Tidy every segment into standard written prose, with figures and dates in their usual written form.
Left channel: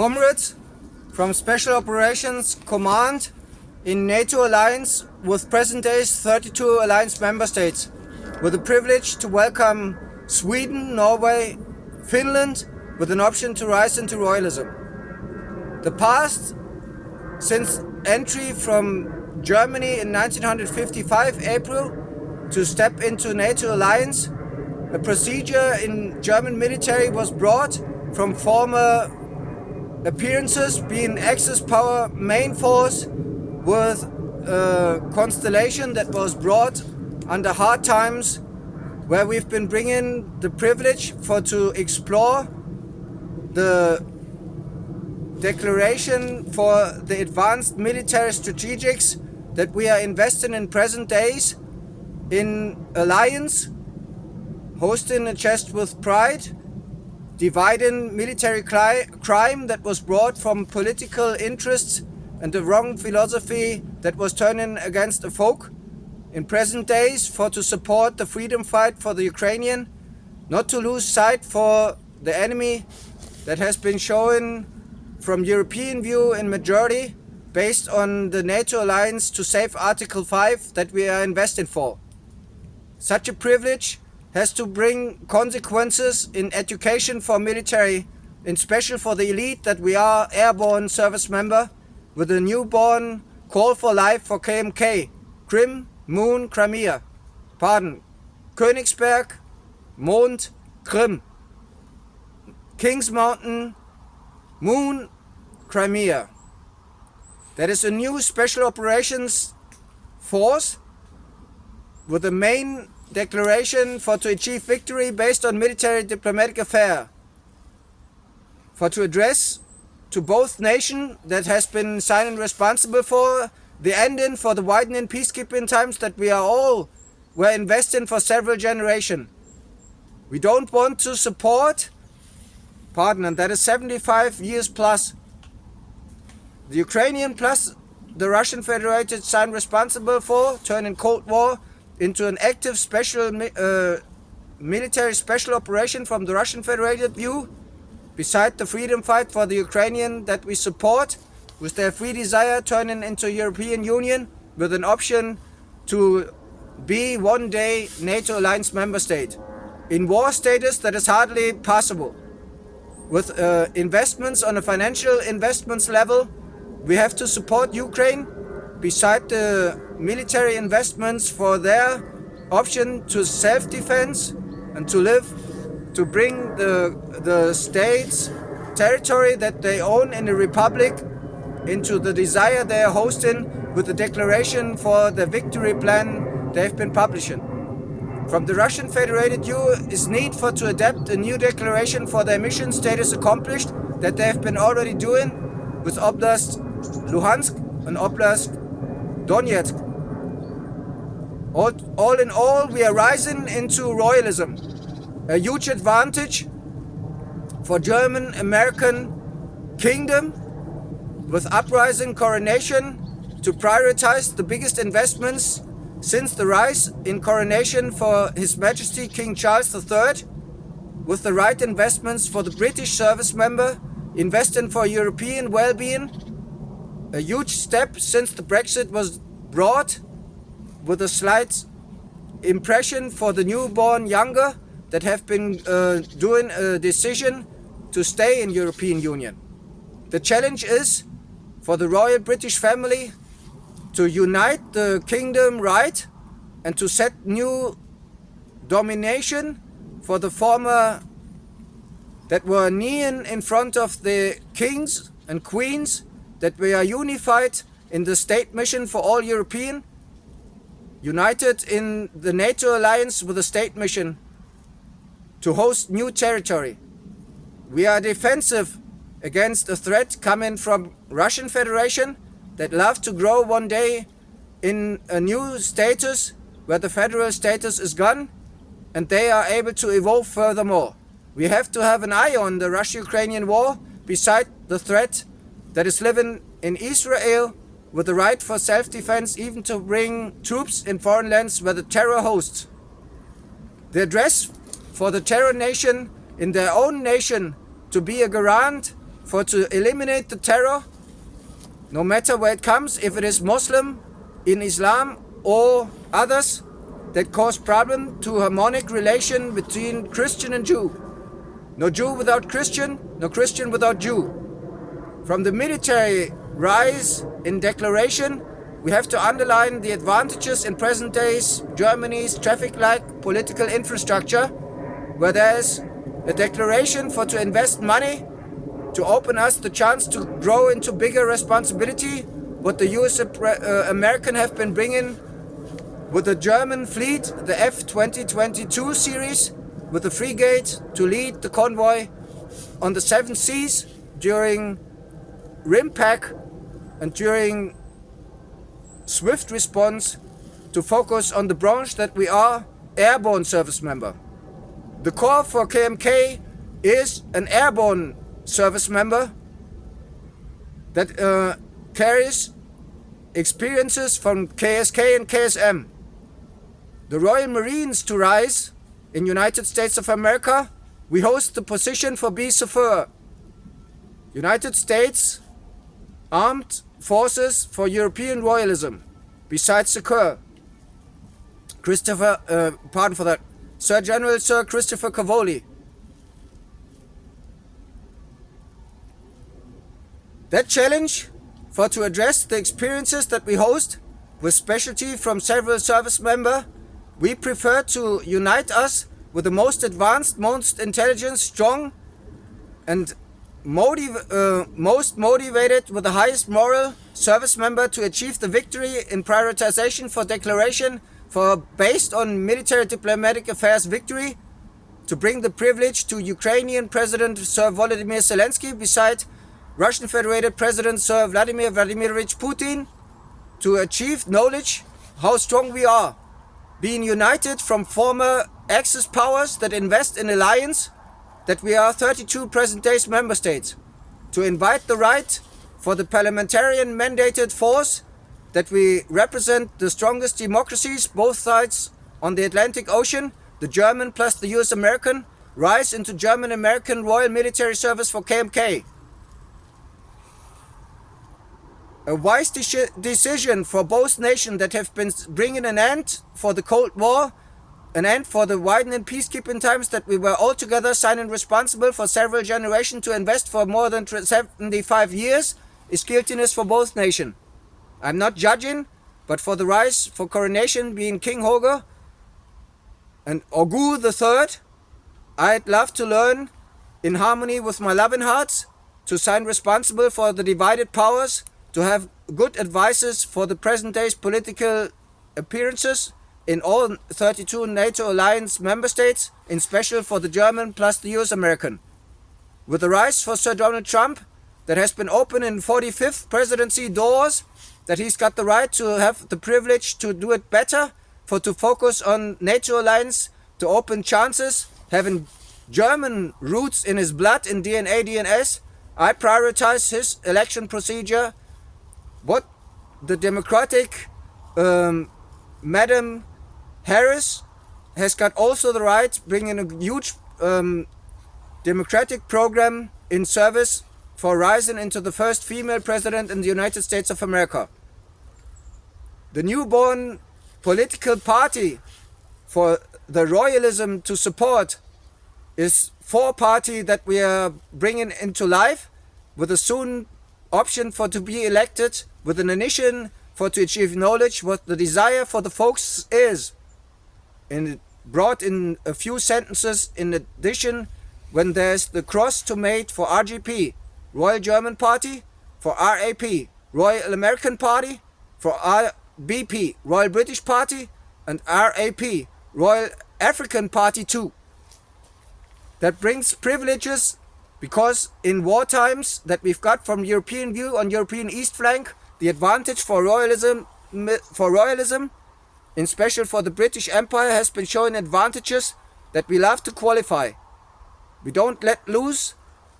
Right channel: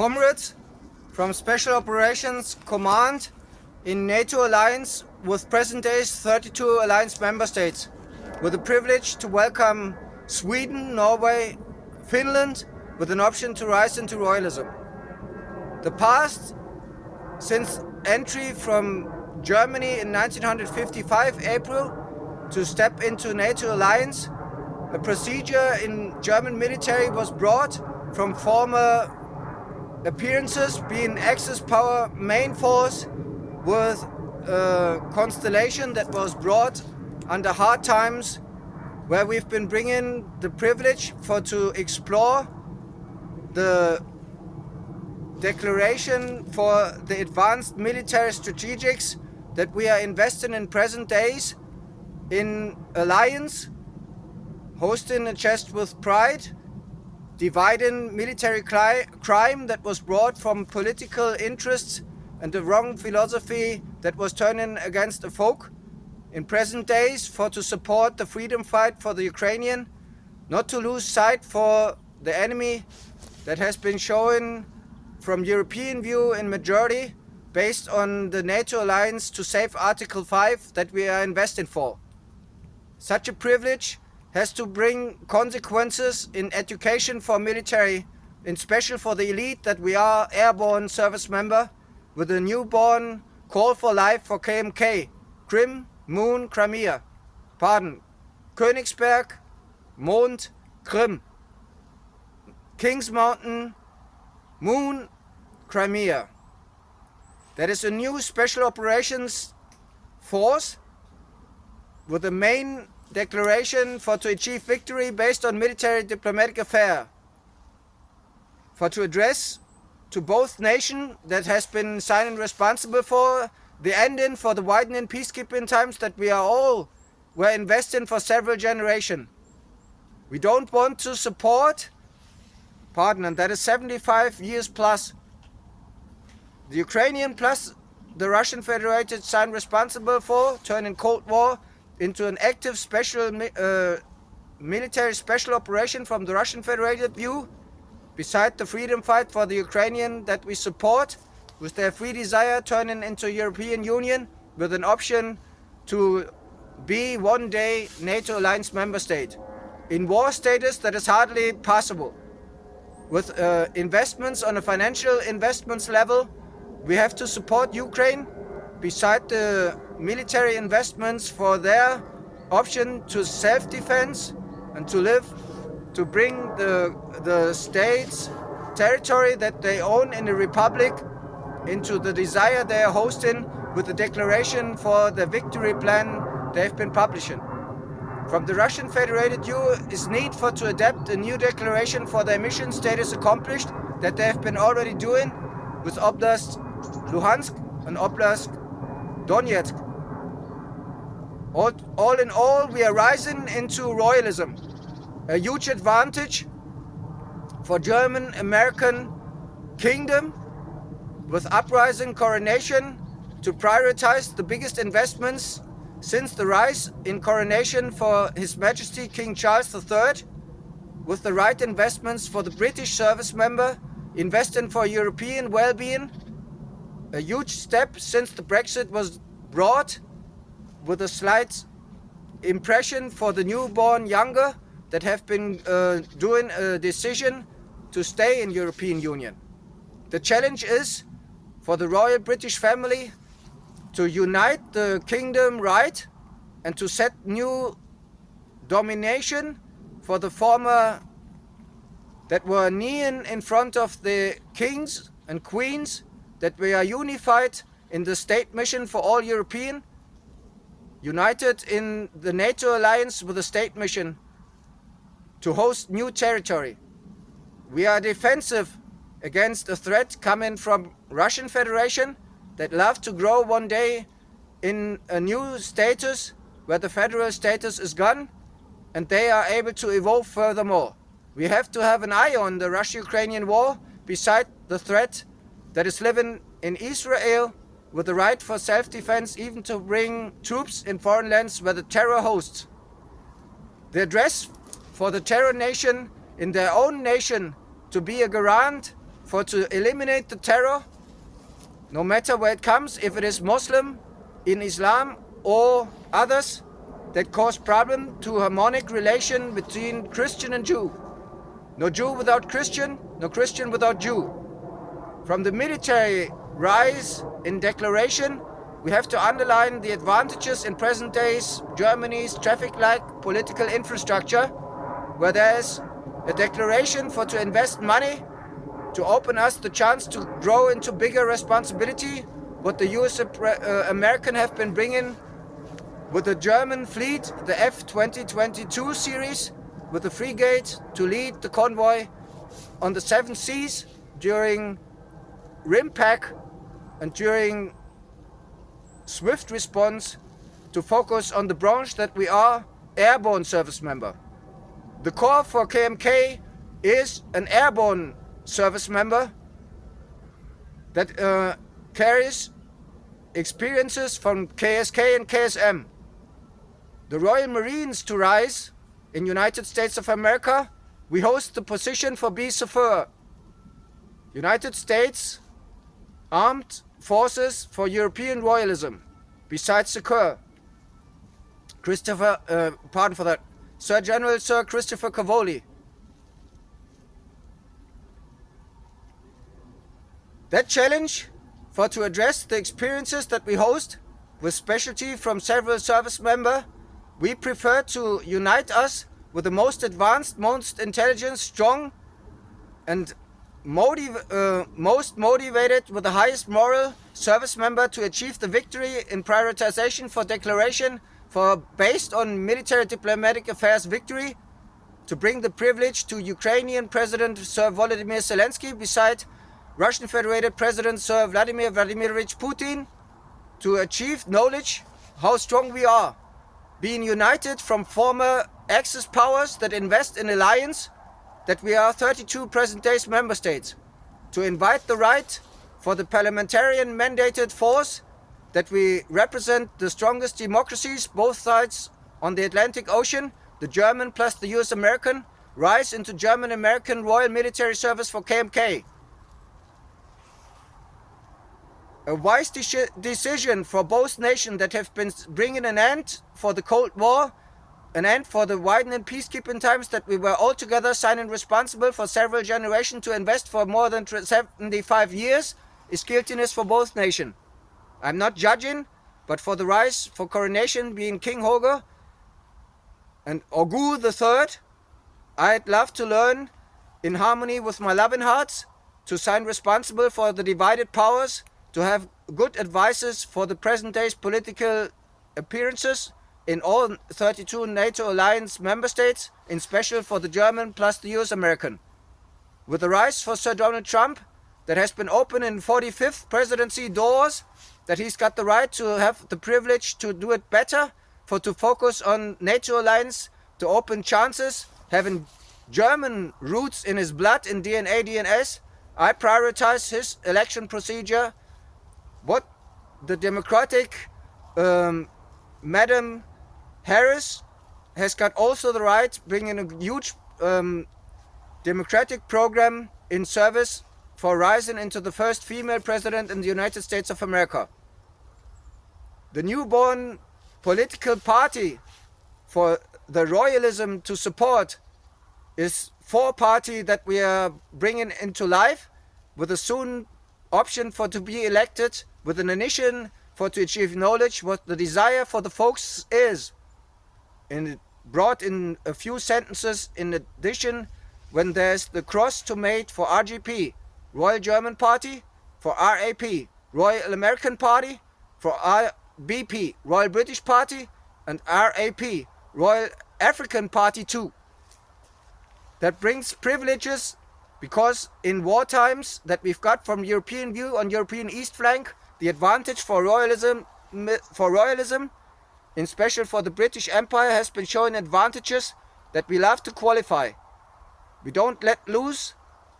Comrades from Special Operations Command in NATO Alliance with present day's 32 Alliance member states, with the privilege to welcome Sweden, Norway, Finland, with an option to rise into royalism. The past, since entry from Germany in 1955 April to step into NATO Alliance, a procedure in German military was brought from former appearances being Axis power main force with a constellation that was brought under hard times, where we've been bringing the privilege to explore the declaration for the advanced military strategics that we are investing in present days in alliance, hosting a chest with pride, dividing military crime that was brought from political interests and the wrong philosophy that was turning against the folk in present days, for to support the freedom fight for the Ukrainian, not to lose sight for the enemy that has been shown from European view in majority based on the NATO alliance to save Article 5 that we are investing for. Such a privilege has to bring consequences in education for military, in special for the elite that we are airborne service member, with a newborn call for life for KMK, Krim, Moon, Crimea. Königsberg, Mond, Krim. Kings Mountain, Moon, Crimea. That is a new special operations force with a main declaration for to achieve victory based on military diplomatic affair, for to address to both nations that has been signing responsible for the ending for the widening peacekeeping times that we are all were investing for several generations. We don't want to support, and that is 75 years plus, the Ukrainian plus the Russian Federated signed responsible for turning Cold War into an active special military special operation from the Russian Federated view, beside the freedom fight for the Ukrainian that we support, with their free desire turning into European Union with an option to be one day NATO alliance member state. In war status that is hardly possible. With investments on a financial investments level, we have to support Ukraine beside the military investments for their option to self-defense and to live, to bring the states territory that they own in the republic into the desire they are hosting with the declaration for the victory plan they've been publishing. From the Russian Federated view is need for to adapt a new declaration for their mission status accomplished that they have been already doing with Oblast Luhansk and Oblast Donetsk. All in all, we are rising into royalism, a huge advantage for German American kingdom, with uprising coronation to prioritize the biggest investments since the rise in coronation for His Majesty King Charles III, with the right investments for the British service member, investing for European well-being, a huge step since the Brexit was brought, with a slight impression for the newborn younger that have been doing a decision to stay in European Union. The challenge is for the royal British family to unite the kingdom right and to set new domination for the former that were kneeling in front of the kings and queens, that we are unified in the state mission for all European, united in the NATO alliance with a state mission to host new territory. We are defensive against a threat coming from Russian Federation that love to grow one day in a new status where the federal status is gone and they are able to evolve furthermore. We have to have an eye on the Russia-Ukrainian war beside the threat that is living in Israel with the right for self-defense, even to bring troops in foreign lands where the terror hosts. The address for the terror nation in their own nation to be a garant for to eliminate the terror, no matter where it comes, if it is Muslim, in Islam or others, that cause problem to harmonic relation between Christian and Jew. No Jew without Christian, no Christian without Jew. From the military rise in declaration, we have to underline the advantages in present days Germany's traffic-like political infrastructure, where there's a declaration for to invest money to open us the chance to grow into bigger responsibility, what the US American have been bringing with the German fleet, the F-2022 series, with the frigate to lead the convoy on the seven seas during RIMPAC and during swift response to focus on the branch that we are airborne service member. The core for KMK is an airborne service member that carries experiences from KSK and KSM. The Royal Marines to rise in United States of America, we host the position for BSFR, United States Armed Forces for European Royalism, besides the Corps. Sir General Sir Christopher Cavoli. That challenge for to address the experiences that we host with specialty from several service members, we prefer to unite us with the most advanced, most intelligent, strong and most motivated with the highest moral service member to achieve the victory in prioritization for declaration for based on military diplomatic affairs victory, to bring the privilege to Ukrainian President Sir Volodymyr Zelensky beside Russian Federated President Sir Vladimir Vladimirovich Putin, to achieve knowledge how strong we are, being united from former Axis powers that invest in alliance, that we are 32 present days member states, to invite the right for the parliamentarian mandated force that we represent the strongest democracies, both sides on the Atlantic Ocean, the German plus the US American, rise into German-American Royal Military Service for KMK. A wise decision for both nations that have been bringing an end for the Cold War, an end for the widening peacekeeping times that we were all together signing responsible for several generations to invest for more than 75 years, is guiltiness for both nations. I'm not judging, but for the rise for coronation being King Holger and Ogu III, I'd love to learn in harmony with my loving hearts to sign responsible for the divided powers, to have good advices for the present day's political appearances in all 32 NATO alliance member states, in special for the German plus the US American. With the rise for Sir Donald Trump, that has been open in 45th presidency doors, that he's got the right to have the privilege to do it better, for to focus on NATO alliance, to open chances, having German roots in his blood, in DNA, DNS, I prioritize his election procedure. What the Democratic Madam Harris has got also the right, bringing a huge democratic program in service for rising into the first female president in the United States of America. The newborn political party for the royalism to support is four party that we are bringing into life, with a soon option for to be elected, with an initiative for to achieve knowledge what the desire for the folks is, and brought in a few sentences in addition, when there's the cross to mate for RGP, Royal German Party, for RAP, Royal American Party, for RBP, Royal British Party, and RAP, Royal African Party too. That brings privileges, because in war times that we've got from European view on European East flank, the advantage for royalism, in special for the British Empire, has been showing advantages that we love to qualify. We don't let loose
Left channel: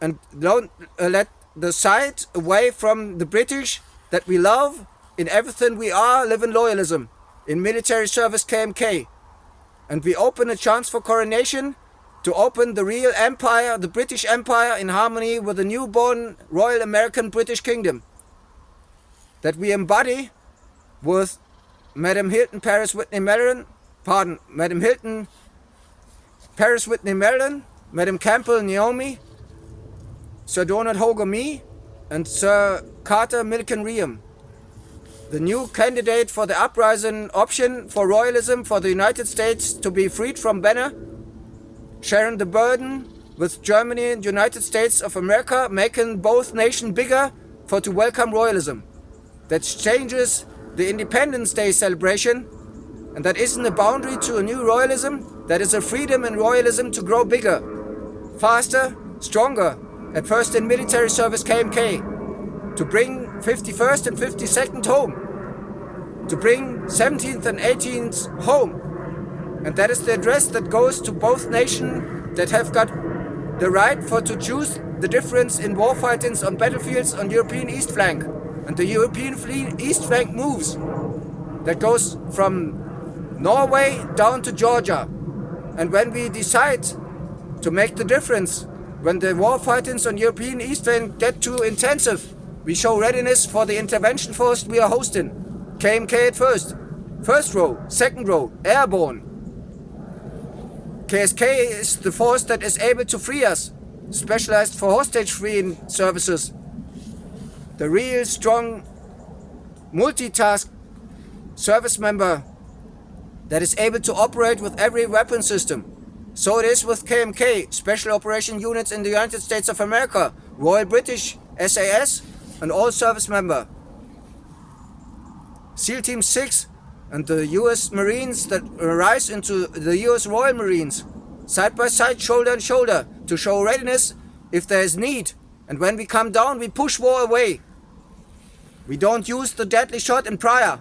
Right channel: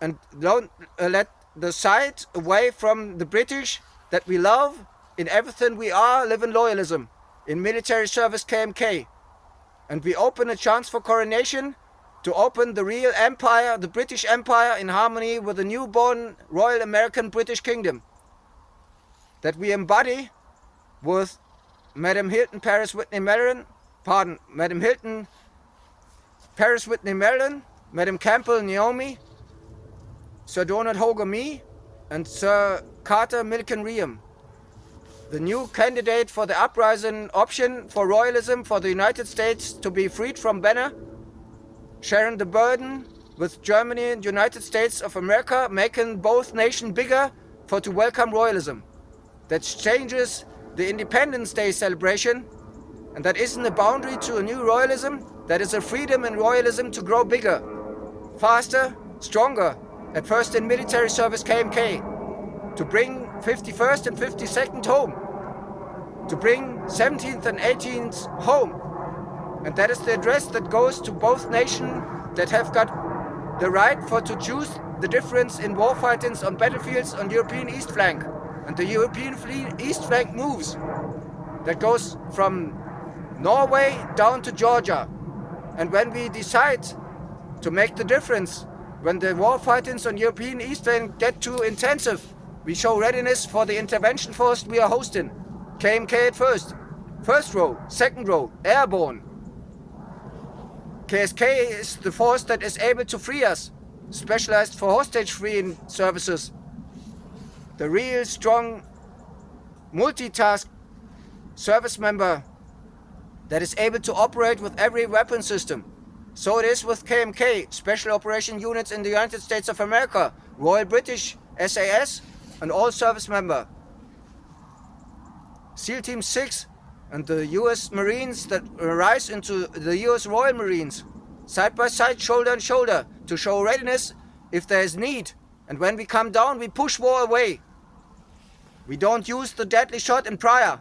and don't let the side away from the British that we love. In everything we are, live in loyalism, in military service KMK. And we open a chance for coronation to open the real empire, the British Empire, in harmony with the newborn Royal American British Kingdom, that we embody with Madam Hilton Paris Whitney Maryland, Madam Hilton Paris Whitney Maryland, Madam Campbell Naomi, Sir Donald Hogan Me, and Sir Carter Milliken Riem, the new candidate for the uprising option for royalism for the United States to be freed from banner, sharing the burden with Germany and United States of America, making both nations bigger for to welcome royalism. That changes the Independence Day celebration, and that isn't a boundary to a new royalism, that is a freedom in royalism to grow bigger, faster, stronger, at first in military service KMK, to bring 51st and 52nd home, to bring 17th and 18th home. And that is the address that goes to both nations that have got the right for to choose the difference in war fightings on battlefields on European East Flank. And the European East Flank moves. That goes from Norway down to Georgia. And when we decide to make the difference, when the war fightings on European East Flank get too intensive, we show readiness for the intervention force we are hosting. KMK at first row, second row, airborne. KSK is the force that is able to free us, specialized for hostage-freeing services. The real strong multitask service member that is able to operate with every weapon system. So it is with KMK, Special Operation Units in the United States of America, Royal British SAS, and all service member. SEAL Team 6 and the US Marines that rise into the US Royal Marines, side by side, shoulder and shoulder, to show readiness if there is need. And when we come down, we push war away. We don't use the deadly shot in prior.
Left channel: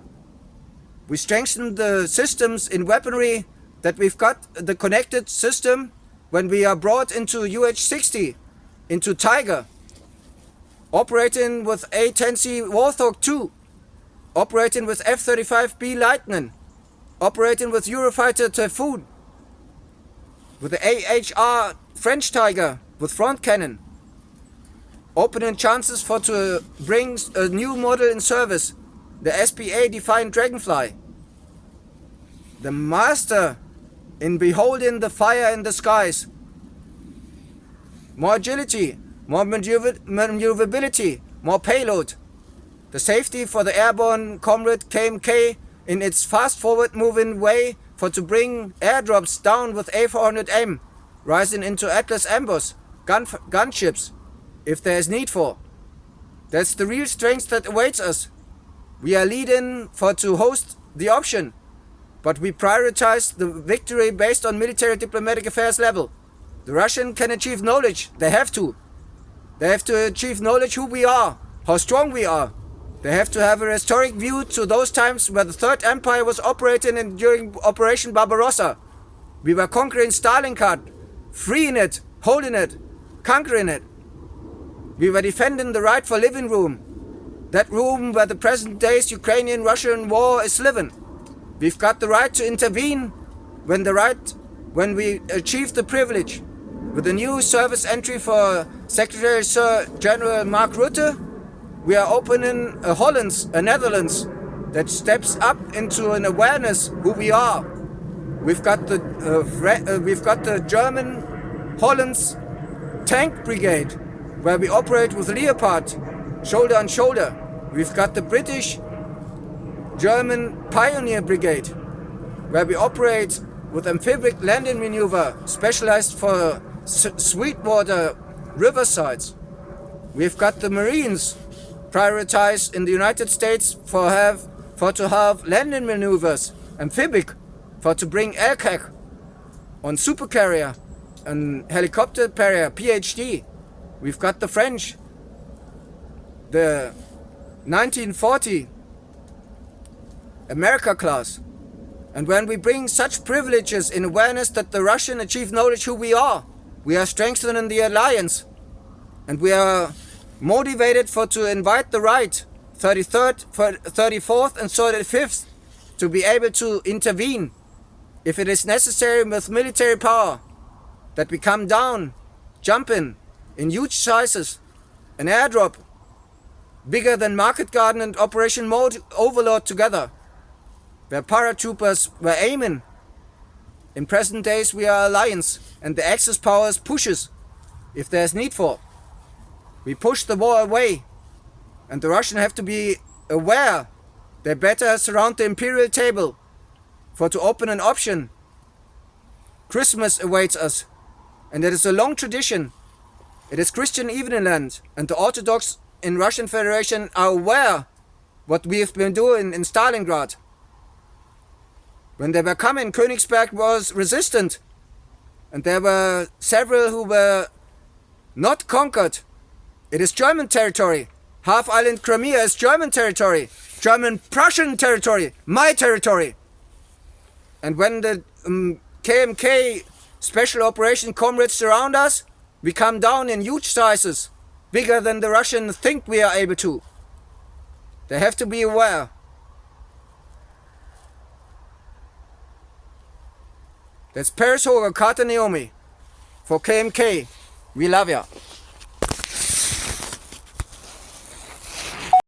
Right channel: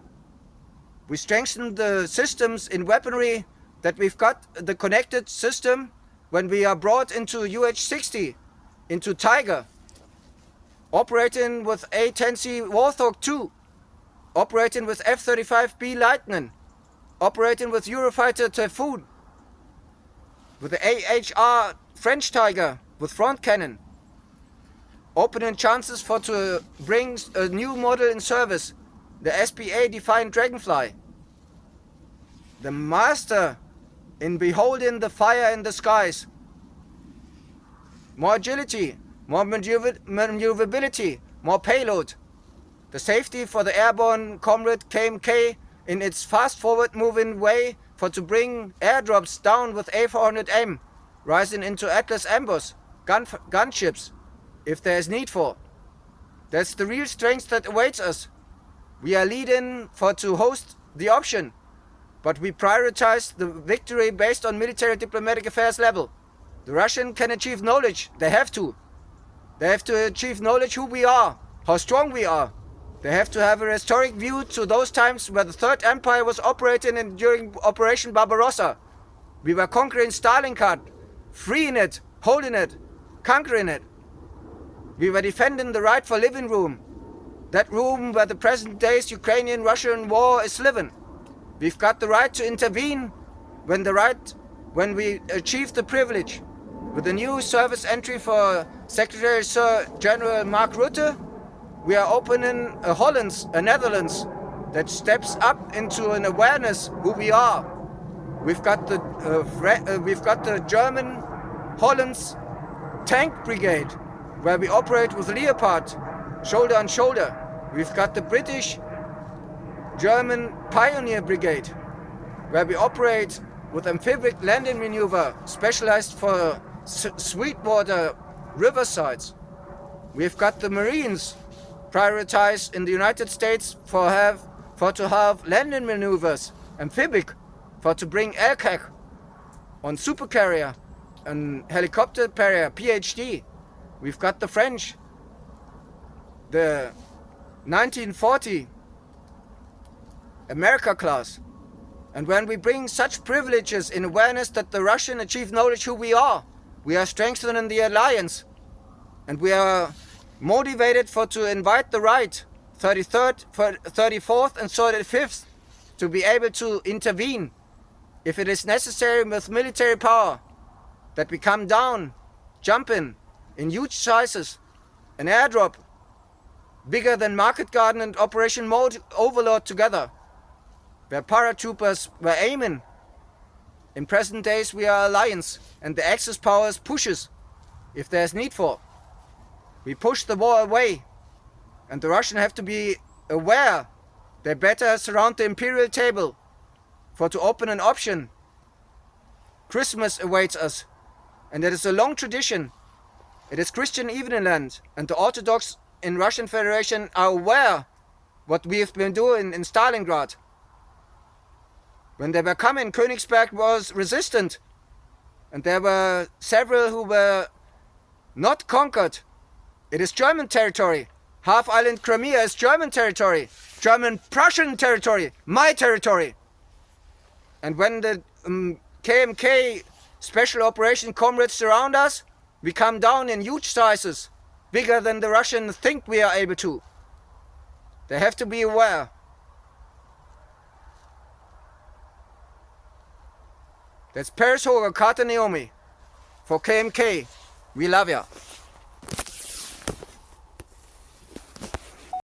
We strengthen the systems in weaponry, that we've got the connected system when we are brought into UH-60, into Tiger, operating with A-10C Warthog 2, operating with F-35B Lightning, operating with Eurofighter Typhoon, with the AHR French Tiger with front cannon, opening chances for to bring a new model in service, the SPA Defiant Dragonfly, the master in beholding the fire in the skies, more agility, more maneuverability, more payload, the safety for the airborne comrade KMK in its fast-forward moving way for to bring airdrops down with A400M, rising into Atlas ambush, gunships, if there is need for. That's the real strength that awaits us. We are leading for to host the option, but we prioritize the victory based on military diplomatic affairs level. The Russian can achieve knowledge. They have to. They have to achieve knowledge who we are, how strong we are. They have to have a historic view to those times where the Third Empire was operating during Operation Barbarossa. We were conquering Stalingrad, freeing it, holding it, conquering it. We were defending the right for living room, that room where the present day's Ukrainian-Russian war is living. We've got the right to intervene when we achieve the privilege. With the new service entry for Secretary Sir General Mark Rutte, we are opening a Netherlands that steps up into an awareness who we are. We've got the German Holland's tank brigade, where we operate with Leopard, shoulder on shoulder. We've got the British German Pioneer Brigade, where we operate with amphibious landing maneuver, specialized for Sweetwater riversides. We've got the Marines, prioritized in the United States for to have landing maneuvers, amphibic, for to bring Air-Cavalry on supercarrier and helicopter carrier, PhD. We've got the French, the 1940 America class. And when we bring such privileges in awareness that the Russian achieve knowledge who we are strengthening the alliance. And we are motivated to invite the right, 33rd, 34th and 35th, to be able to intervene if it is necessary with military power. that we come down, jumping in huge sizes, an airdrop bigger than Market Garden and Operation Overlord together, where paratroopers were aiming. In present days we are alliance, and the Axis powers pushes if there is need for. We push the war away, and the Russians have to be aware they better surround the Imperial table for to open an option. Christmas awaits us, and it is a long tradition. It is Christian Eveningland, and the Orthodox in Russian Federation are aware what we have been doing in Stalingrad. When they were coming, Königsberg was resistant, and there were several who were not conquered. It is German territory. Half island Crimea is German territory. German Prussian territory. My territory. And when the KMK special operation comrades surround us, we come down in huge sizes, bigger than the Russians think we are able to. They have to be aware. That's Paris Hoger, Carter Naomi. For KMK, we love ya.